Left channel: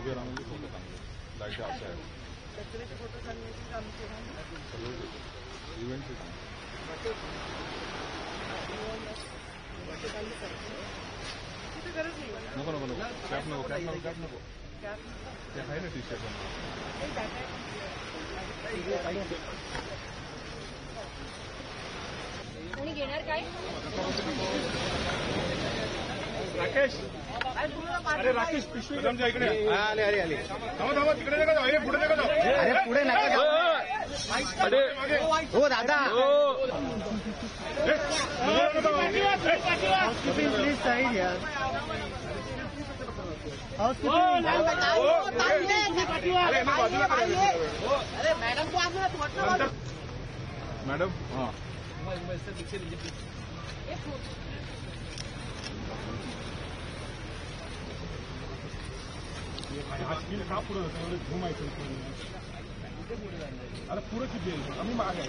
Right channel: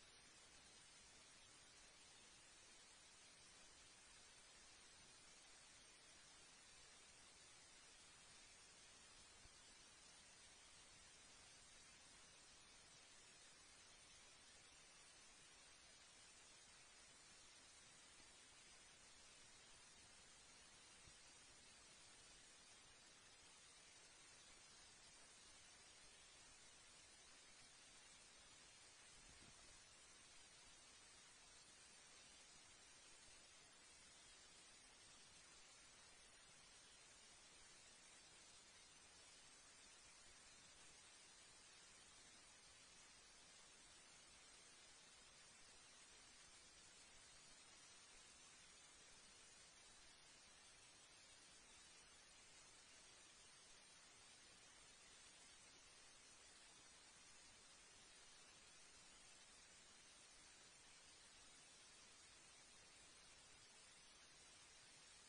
उभे राहून फोटो चांगले लाईट असे आहेत कचऱ्याचे फोटो काढण्याचे काम केलं सगळं इव्हेंटचे चांगले तिथे गरज नाही नको नको नको कॅप नको कॅप नको कॅप नको ते आहे ना टी शर्ट कोणी घेणार काय राकेश अरे राकेश पिशवी इकडे आले आले आले थांबा थांबा तिकडे नका जाऊ पुढे नका जाऊ अरे पुढे नका जाऊ अरे हो दादा प्लीज साईड यार मॅडम हां का पुढे घुमायचं अरे पुढे किती आम्ही माग आहे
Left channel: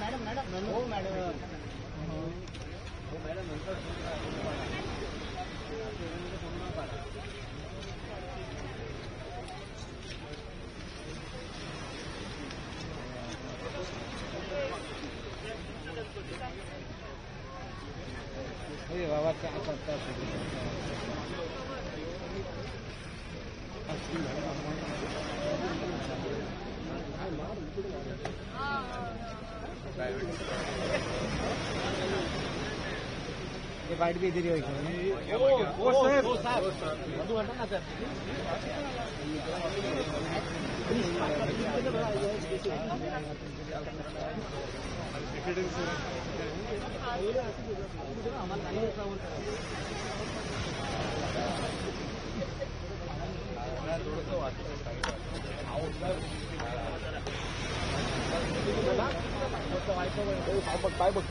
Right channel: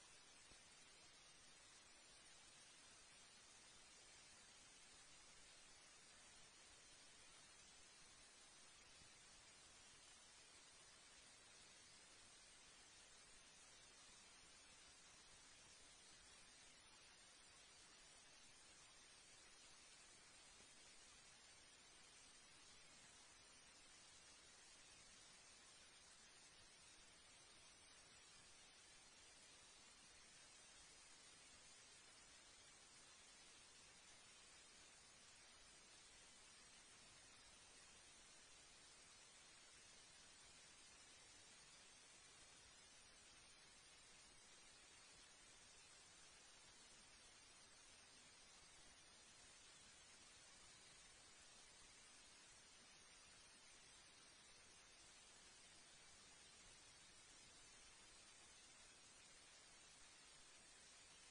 मॅडम मॅडम हो मॅडम हो मॅडम नंतर बाबा क्या करता है ये बाइट भी इधर ही होगी काय बघ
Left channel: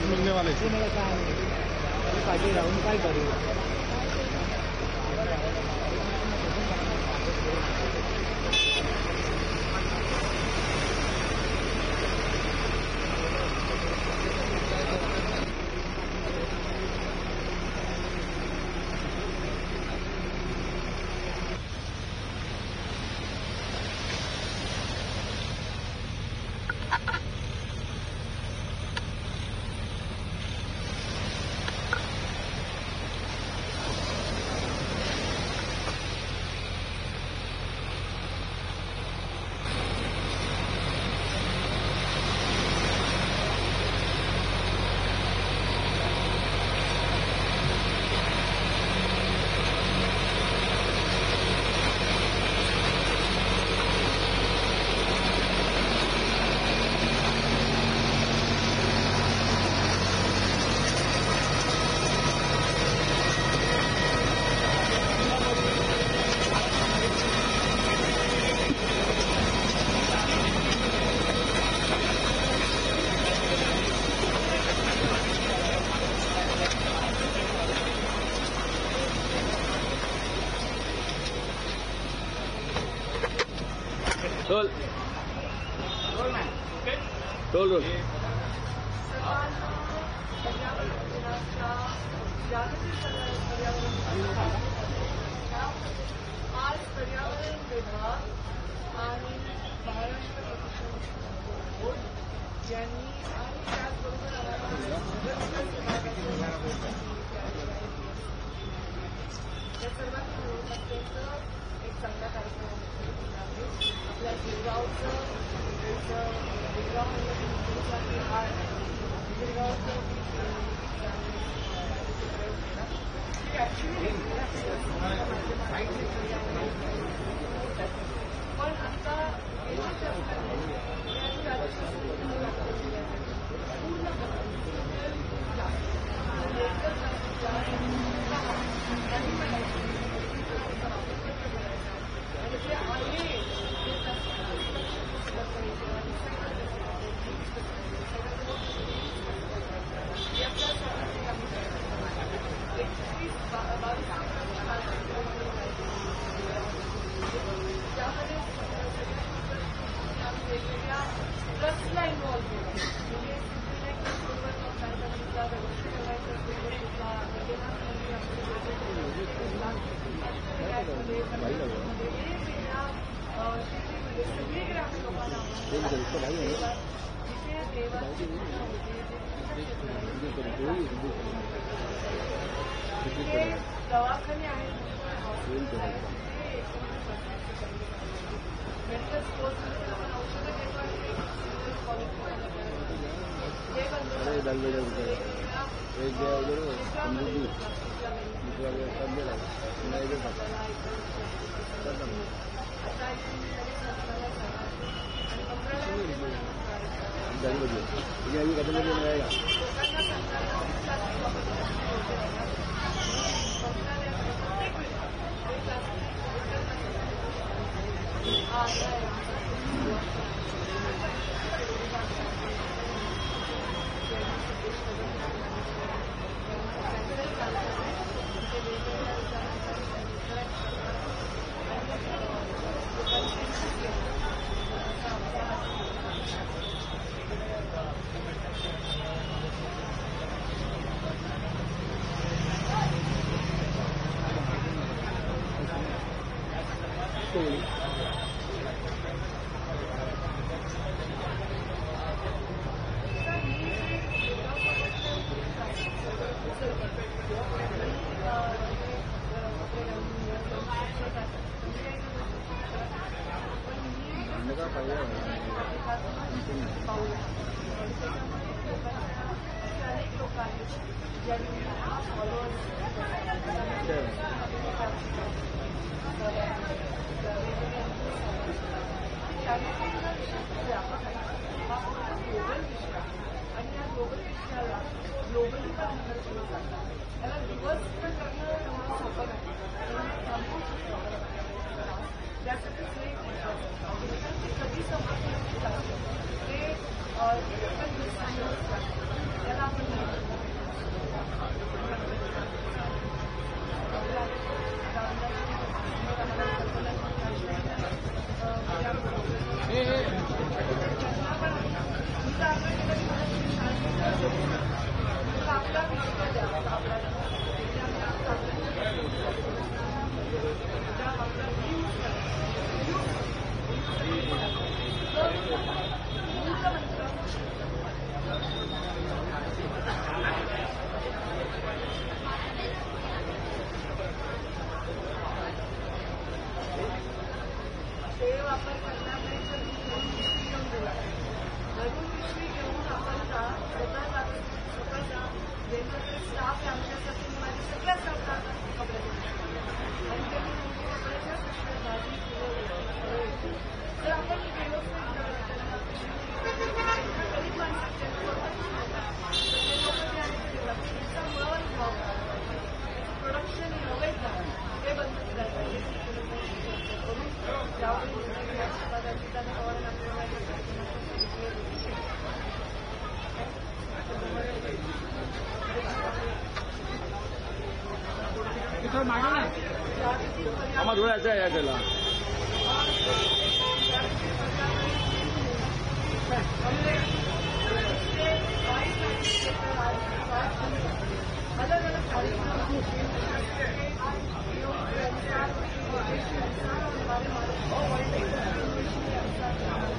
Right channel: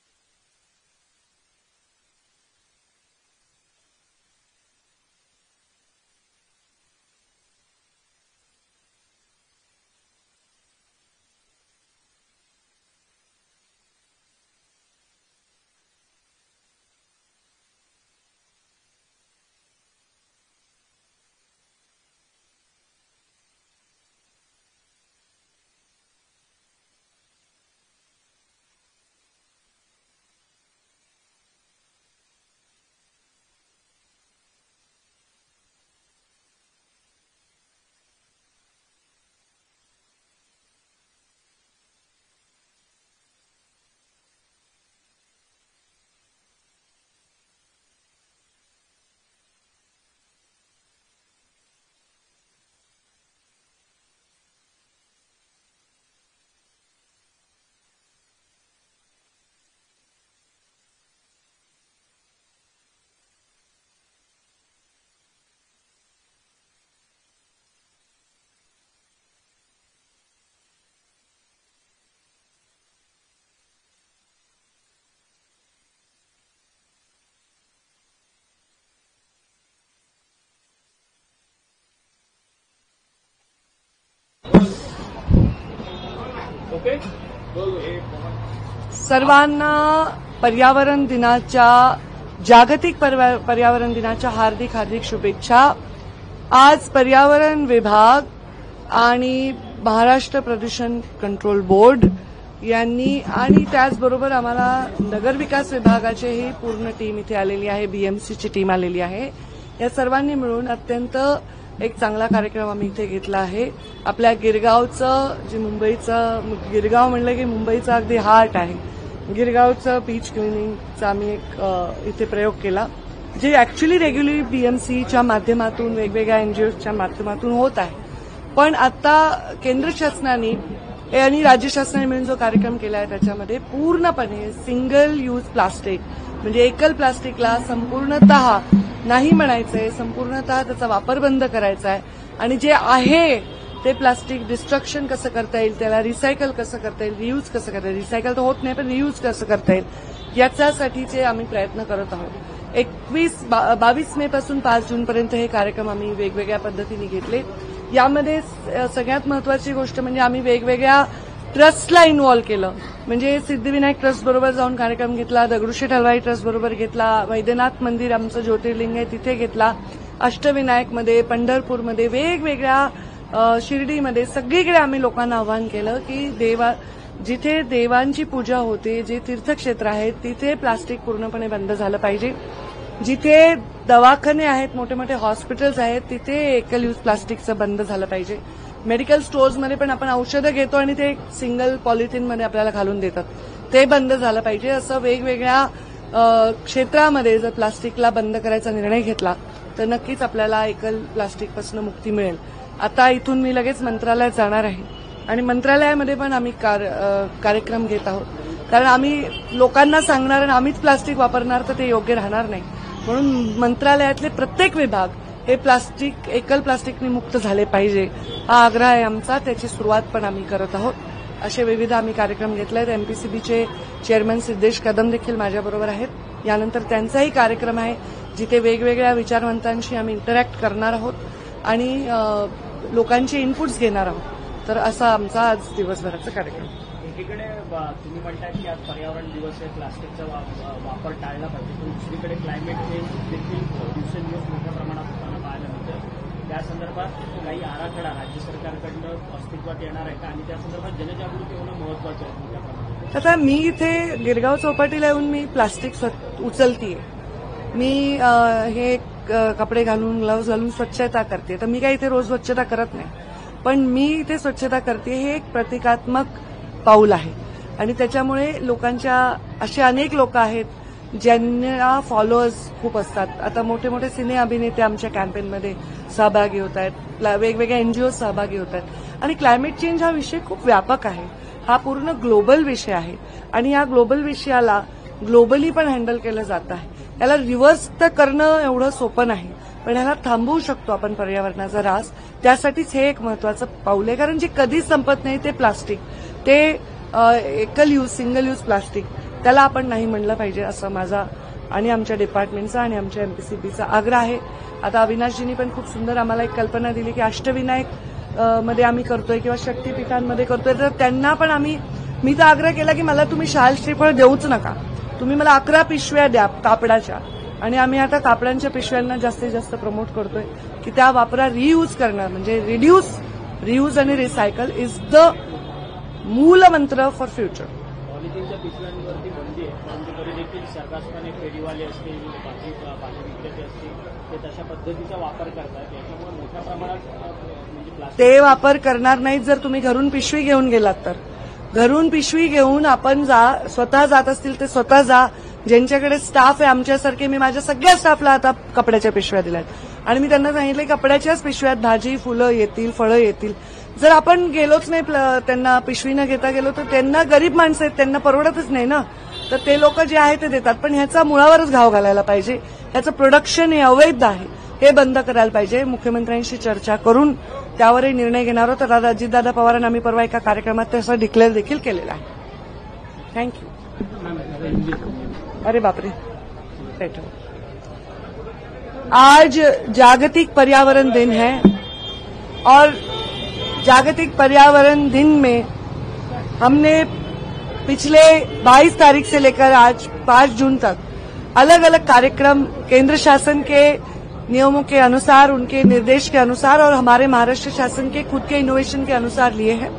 मिलने वाले पार्टी राउंड काय करू सर्वांना पर्यावरण दिनाच्या जागतिक पर्यावरण दिनाच्या हार्दिक हार्दिक शुभेच्छा। आज पर्यावरण विभाग आणि महाराष्ट्र प्रदूषण कंट्रोल बोर्ड यांनी आणि त्याचबरोबर आम्हाला नगर विकास विभागाचीही पूर्ण टीम इथे आलेली आहे, बीएमसीची टीम आलेली आहे। या सर्वांनी मिळून अत्यंत एक चांगला कार्यक्रम आम्ही इथे घेतला आहे। आपल्या गिरगावचं जे मुंबईचं गिरगाव म्हणलं की मुंबईचा अगदी हार्ट आहे, गिरगावचं बीच क्लिनिंगचा आम्ही एक इथे प्रयोग केला, जे ऍक्च्युली रेग्युलरली बीएमसीच्या माध्यमातून वेगवेगळ्या एनजीओच्या माध्यमातून होत आहे। पण आता केंद्र शासनाने आणि राज्य शासनाने मिळून जो कार्यक्रम केला आहे त्याच्यामध्ये पूर्णपणे सिंगल यूज प्लास्टिक म्हणजे एकल प्लास्टिकला संपूर्णतः नाही म्हणायचंय, संपूर्णतः त्याचा वापर बंद करायचा आहे आणि जे आहे ते प्लास्टिक डिस्ट्रक्शन कसं करता येईल, त्याला रिसायकल कसं करता येईल, रियूज कसं करता येईल, रिसायकल तर होत नाही पण रियूज कसं करता येईल याच्यासाठीचे आम्ही प्रयत्न करत आहोत. 22 मे पासून 5 जूनपर्यंत हे कार्यक्रम आम्ही वेगवेगळ्या पद्धतीने घेतले. यामध्ये सगळ्यात महत्वाची गोष्ट म्हणजे आम्ही वेगवेगळ्या ट्रस्टला इन्व्हॉल्व केलं. म्हणजे सिद्धिविनायक ट्रस्ट बरोबर जाऊन कार्यक्रम घेतला, दगडूशेठ हलवाई ट्रस्ट बरोबर घेतला, वैद्यनाथ मंदिर आमचं ज्योतिर्लिंग आहे तिथे घेतला, अष्टविनायकमध्ये, पंढरपूरमध्ये, वेगवेगळ्या शिर्डीमध्ये सगळीकडे आम्ही लोकांना आवाहन केलं की जिथे देवांची पूजा होते, जे तीर्थक्षेत्र आहेत तिथे प्लास्टिक पूर्णपणे बंद झालं पाहिजे. जिथे दवाखाने आहेत, मोठे मोठे हॉस्पिटल्स आहेत तिथे एकल यूज प्लास्टिकचं बंद झालं पाहिजे. मेडिकल स्टोअर्समध्ये पण आपण औषधं घेतो आणि ते सिंगल पॉलिथिनमध्ये आपल्याला घालून देतात, ते बंद झालं पाहिजे. असं वेगवेगळ्या क्षेत्रामध्ये जर प्लास्टिकला बंद करायचा निर्णय घेतला तर नक्कीच आपल्याला एकल प्लास्टिकपासून मुक्ती मिळेल. आता इथून मी लगेच मंत्रालयात जाणार आहे आणि मंत्रालयामध्ये पण आम्ही कार्यक्रम घेत आहोत. कारण आम्ही लोकांना सांगणार आणि आम्हीच प्लास्टिक वापरणार तर ते योग्य राहणार नाही. म्हणून मंत्रालयातले प्रत्येक विभाग हे एकल प्लास्टिकने मुक्त झाले पाहिजे हा आग्रह आहे आमचा. त्याची सुरुवात पण आम्ही करत आहोत. असे विविध आम्ही कार्यक्रम घेतले आहेत. एमपीसीबीचे चेअरमन सिद्धेश कदम देखील माझ्याबरोबर आहेत. यानंतर त्यांचाही कार्यक्रम आहे जिथे वेगवेगळ्या विचारवंतांशी आम्ही इंटरॅक्ट करणार आहोत आणि लोकांचे इनपुट्स घेणार आहोत. तर असा आमचा आज दिवसभराचा कार्यक्रम. एकीकडे तुम्ही म्हणताय की आज पर्यावरण दिवस आहे, प्लास्टिकचा वापर टाळला पाहिजे, पण दुसरीकडे क्लायमेट चेंज देखील दिवसेंदिवस मोठ्या प्रमाणात पाहायला मिळते. त्या संदर्भात काही आराखडा राज्य सरकारकडनं अस्तित्वात येणार आहे आणि त्या संदर्भात जनजागृती होणं महत्वाचं आहे. आता मी इथे गिरगाव चौपाटीला येऊन मी प्लास्टिक उचलतीये. मी हे कपडे घालून ग्लव्ज घालून स्वच्छता करते. तर मी काही इथे रोज स्वच्छता करत नाही, पण मी इथे स्वच्छता करते हे एक प्रतिकात्मक पाऊल आहे. आणि त्याच्यामुळे लोकांच्या असे अनेक लोक आहेत ज्यांना फॉलोअर्स खूप असतात. आता मोठे मोठे सिने अभिनेते आमच्या कॅम्पेनमध्ये सहभागी होत आहेत, वेगवेगळ्या एनजीओ सहभागी होत आहेत. आणि क्लायमेट चेंज हा विषय खूप व्यापक आहे, हा पूर्ण ग्लोबल विषय आहे आणि या ग्लोबल विषयाला ग्लोबली पण हँडल केलं जात आहे. याला रिव्हर्स तर करणं एवढं सोपं नाही, पण याला थांबवू शकतो आपण पर्यावरणाचा ऱ्हास. त्यासाठीच हे एक महत्वाचं पाऊल आहे. कारण जे कधीच संपत नाही ते प्लास्टिक, ते एकल यूज सिंगल यूज प्लास्टिक, त्याला आपण नाही म्हणलं पाहिजे असं माझा आणि आमच्या डिपार्टमेंटचा आणि आमच्या एमपीसीबीचा आग्रह आहे. आता अविनाशजींनी पण खूप सुंदर आम्हाला एक कल्पना दिली की अष्टविनायक मध्ये आम्ही करतोय किंवा शक्तीपीठांमध्ये करतोय. तर त्यांना पण मी तर आग्रह केला की मला तुम्ही शाल श्रीफळ देऊच नका, तुम्ही मला 11 पिशव्या द्या कापडाच्या. आणि आम्ही आता कापडांच्या पिशव्यांना जास्तीत जास्त प्रमोट करतोय की त्या वापरा, रियूज करणार म्हणजे रियूज आणि रिसायकल इज द मूल मंत्र फॉर फ्युचर. ते वापर करणार नाहीत. जर तुम्ही घरून पिशवी घेऊन गेलात तर घरून पिशवी घेऊन आपण स्वतः जात असतील ते स्वतः जा. ज्यांच्याकडे स्टाफ आहे आमच्यासारखे, मी माझ्या सगळ्या स्टाफला आता कपड्याच्या पिशव्या दिल्यात आणि मी त्यांना सांगितलं कपड्याच्याच पिशव्यात भाजी फुलं येतील, फळं येतील. जर आपण गेलोच नाही त्यांना पिशवी न घेता गेलो तर त्यांना गरीब माणसं आहेत, त्यांना परवडतच नाही ना. तर ते लोक जे आहे ते देतात, पण ह्याचा मुळावरच घाव घालायला पाहिजे. ह्याचं प्रोडक्शन हे अवैध आहे, हे बंद करायला पाहिजे. मुख्यमंत्र्यांशी चर्चा करून त्यावरही निर्णय घेणार आहोत. तर अजितदादा पवारांना आम्ही परवा एका कार्यक्रमात तसं डिक्लेअर देखील केलेलं आहे. थँक्यू. अरे बापरे. आज जागतिक पर्यावरण दिन है और जागतिक पर्यावरण दिन में हमने पिछले 22 तारीख से लेकर आज 5 जून तक अलग अलग कार्यक्रम केंद्र शासन के नियमों के अनुसार, उनके निर्देश के अनुसार और हमारे महाराष्ट्र शासन के खुद के इनोवेशन के अनुसार लिए हैं.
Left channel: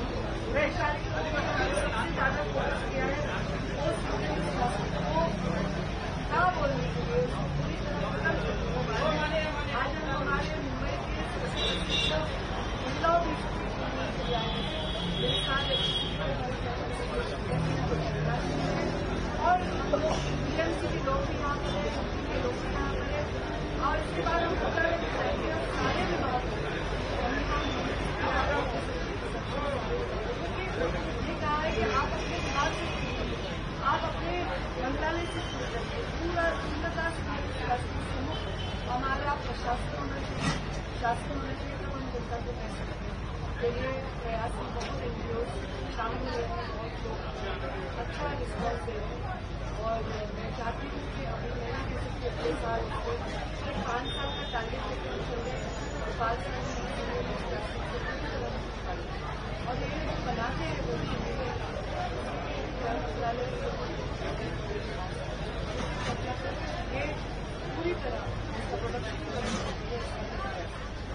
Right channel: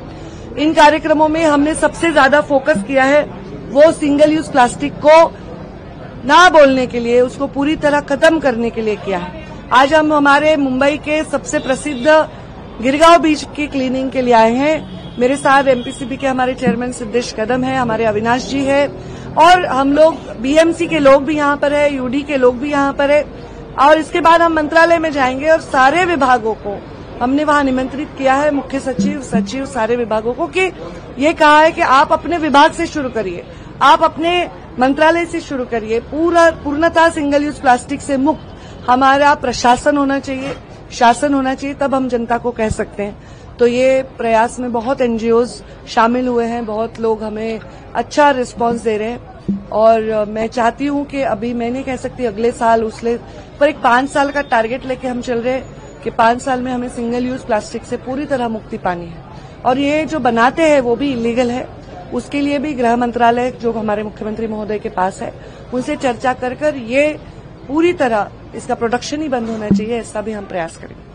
इन कार्यक्रमों में हमने सबसे ज्यादा फोकस किया है वो सिंगल यूज प्लास्टिक को ना बोलने के लिए, उसको पूरी तरह खत्म करने के लिए किया है. आज हम हमारे मुंबई के सबसे प्रसिद्ध गिरगांव बीच की क्लीनिंग के लिए आए हैं. मेरे साथ एमपीसीबी के हमारे चेयरमैन सिद्धेश कदम है, हमारे अविनाश जी है और हम लोग बीएमसी के लोग भी यहाँ पर है, यूडी के लोग भी यहाँ पर है. और इसके बाद हम मंत्रालय में जाएंगे और सारे विभागों को हमने वहां निमंत्रित किया है, मुख्य सचिव, सचिव, सारे विभागों को, कि ये कहा है कि आप अपने विभाग से शुरू करिए, आप अपने मंत्रालय से शुरू करिए. पूर्णतः सिंगल यूज प्लास्टिक से मुक्त हमारा प्रशासन होना चाहिए, शासन होना चाहिए, तब हम जनता को कह सकते हैं. तो ये प्रयास में बहुत एनजीओज शामिल हुए हैं, बहुत लोग हमें अच्छा रिस्पांस दे रहे हैं. और मैं चाहती हूं कि अभी मैं नहीं कह सकती अगले साल उसले पर एक 5 साल का टारगेट लेके हम चल रहे कि 5 साल में हमें सिंगल यूज प्लास्टिक से पूरी तरह मुक्ति पानी है। और ये जो बनाते हैं वो भी इलीगल है, उसके लिए भी गृह मंत्रालय जो हमारे मुख्यमंत्री महोदय के पास है उनसे चर्चा कर ये पूरी तरह इसका प्रोडक्शन ही बंद होना चाहिए, ऐसा भी हम प्रयास करेंगे।